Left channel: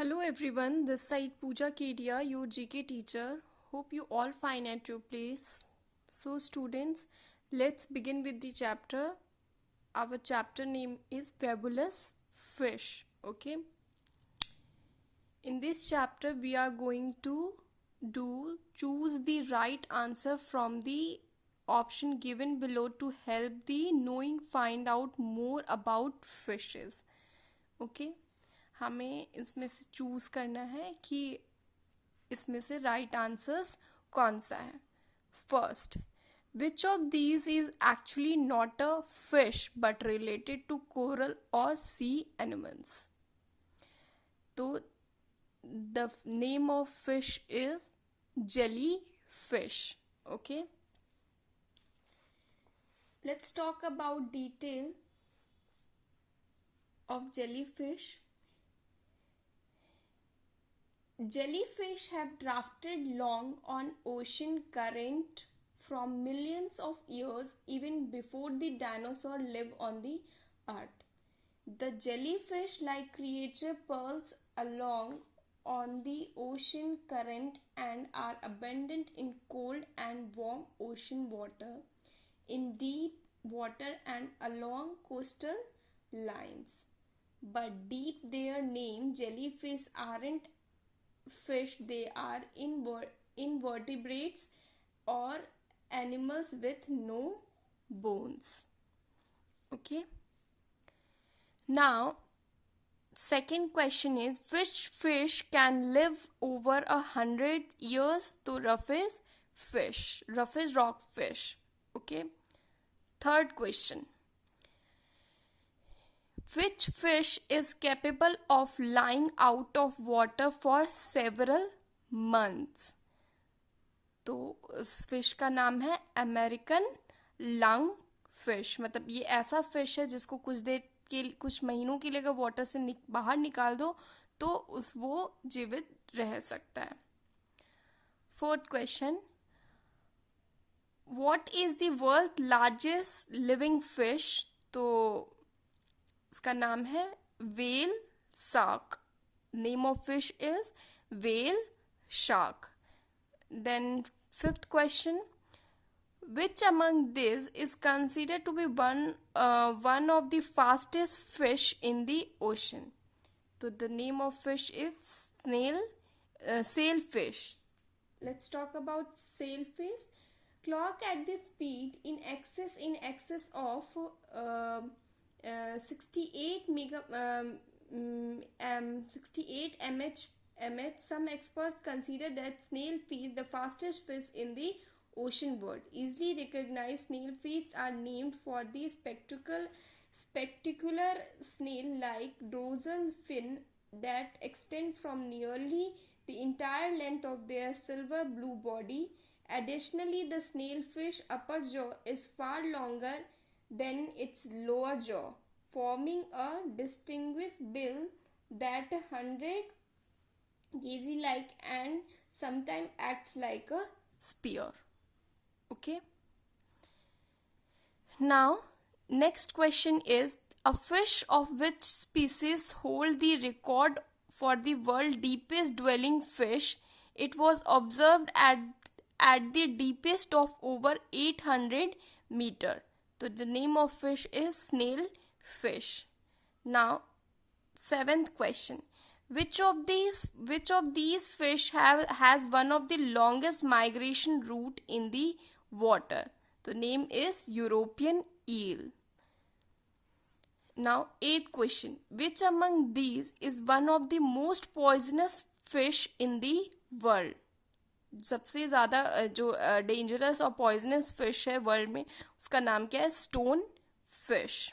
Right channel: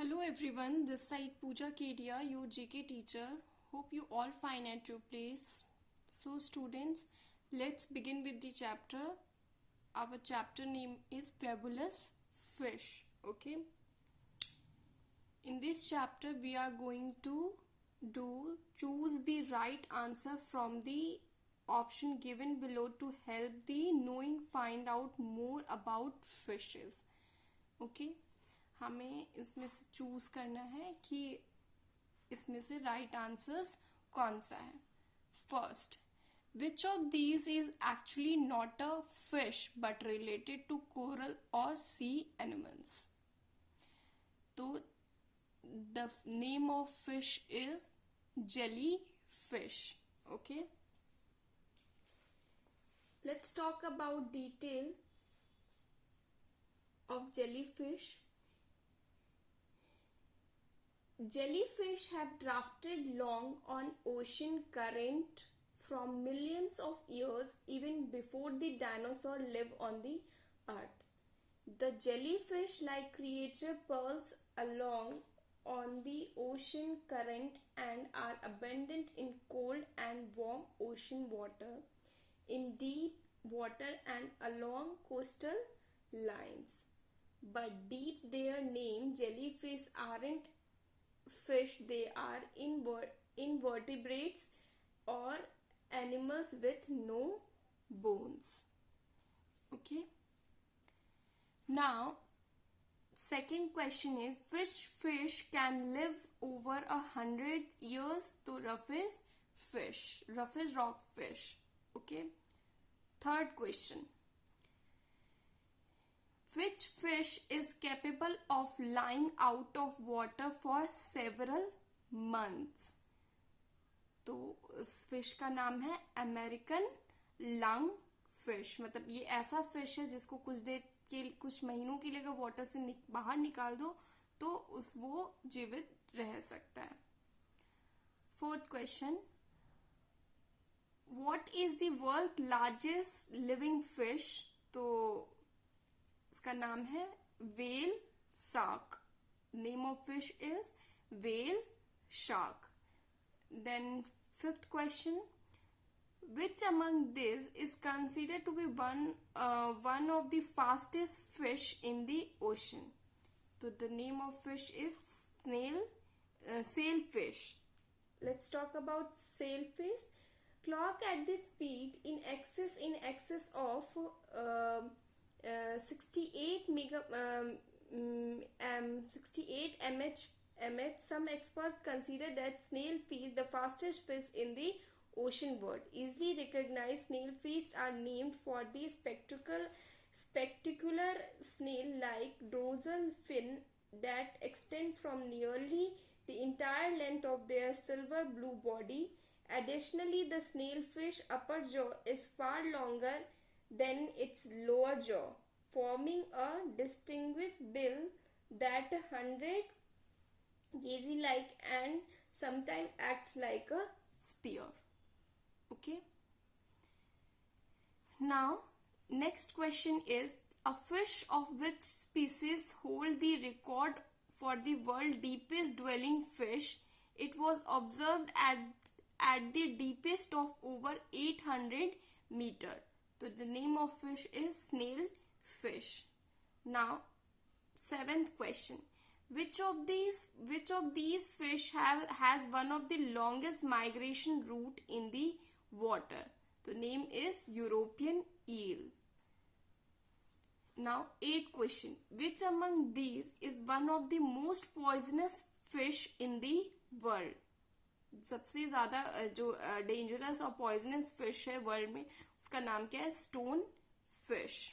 Hello everyone, this side Pooja Kedia, your GK teacher. Hope you all fine at your place. So students, let's begin with the chapter. Our chapter name is Fabulous Fish. Okay. In this chapter we are going to choose the right answer from the option given below to help the knowing find out more about fishes. Okay. हमें इसमें से choose करना है कि इसमें से right answers कौन सा है. First, which of these is actually not a fish but related to coral और सी एनिमल्स. तो the name of fish is jellyfish. Okay, let's talk about detail of jellyfish. Jellyfish have drifted long on ocean current from millions of years, even before the dinosaur lived on the earth. The jellyfish-like creature pulls along on the ocean current and are abundant in cold and warm ocean water, in deep water and along coastal lines. But deep their name, jellyfish aren't fish, they are invertebrates or animals with no bones. Okay, now second question is, which fish can live over 100 years? तो rough is fish, rough is rock fish. Okay, third question, which fish is capable of lying out of water for several months? तो इस fish का नाम है American lung fish. मतलब ये ऐसा fish है जिसको कुछ महीनों के लिए अगर वाटर से बाहर निकाल दो तो वो जीवित रह सकता है. Fourth question, what is the world largest living fish? तो इसका नाम है whale shark. Name of fish is whale shark. Then fifth question, which among these is considered to be one of the fastest fish in the ocean? So the name of fish is sailfish. Let's talk about sailfish. Clock at the speed in excess of 68 mh. Some experts consider that snailfish the fastest fish in the ocean world. Easily recognized snailfish are named for the spectacular snail-like dorsal fin that extend from nearly the entire length of their silver blue body. Additionally, the snailfish upper jaw is far longer than its lower jaw, forming a distinguished bill that 100 kg-like and sometimes acts like a spear. Okay. Now, next question is, a fish of which species hold the record for the world deepest dwelling fish? It was observed at the deepest of over 800 meter. So the name of fish is snail fish. Now, seventh question, which of these fish has one of the longest migration route in the water? The name is European eel. Now, eighth question, which among these is one of the most poisonous fish in the world? सबसे ज़्यादा जो dangerous और poisonous fish है world में उसका नाम क्या है? Stone fish.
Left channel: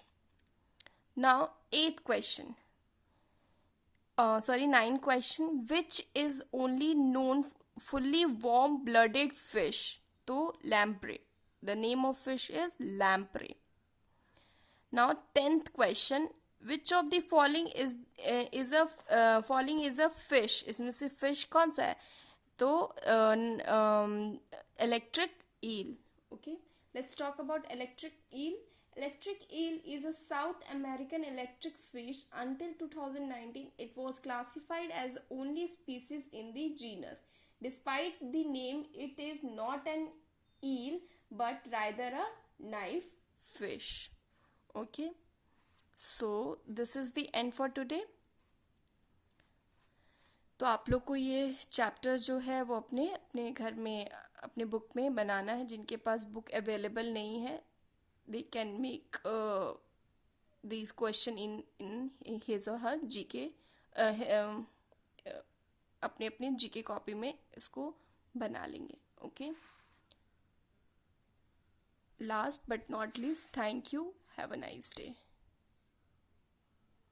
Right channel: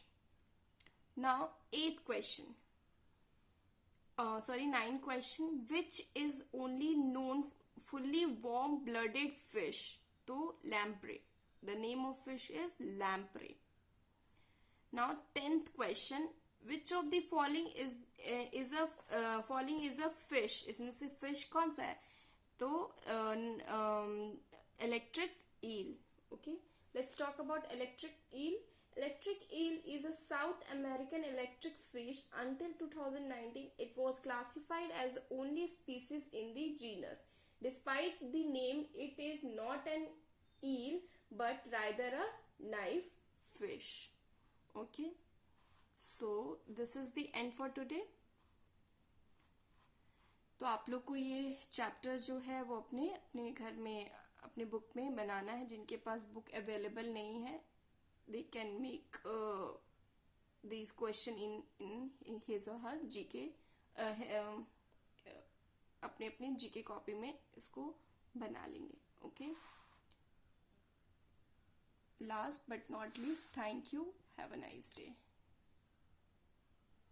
Now eighth question, ninth question, which is only known fully warm blooded fish? तो lamprey. The name of fish is lamprey. Now tenth question, which of the following is a fish? इसमें से fish कौन सा है? तो electric eel. Okay, let's talk about electric eel. Electric eel is a South American electric fish. Until 2019, it was classified as the only species in the genus. Despite the name, it is not an eel but rather a knife fish. Okay, so this is the end for today. तो आप लोग को ये chapter जो है वो अपने अपने घर में अपने बुक में बनाना है. जिनके पास बुक अवेलेबल नहीं है, they can make these question in his or her GK, अपने अपने GK कॉपी में इसको बना लेंगे. Okay, last but not least, thank you, have a nice day.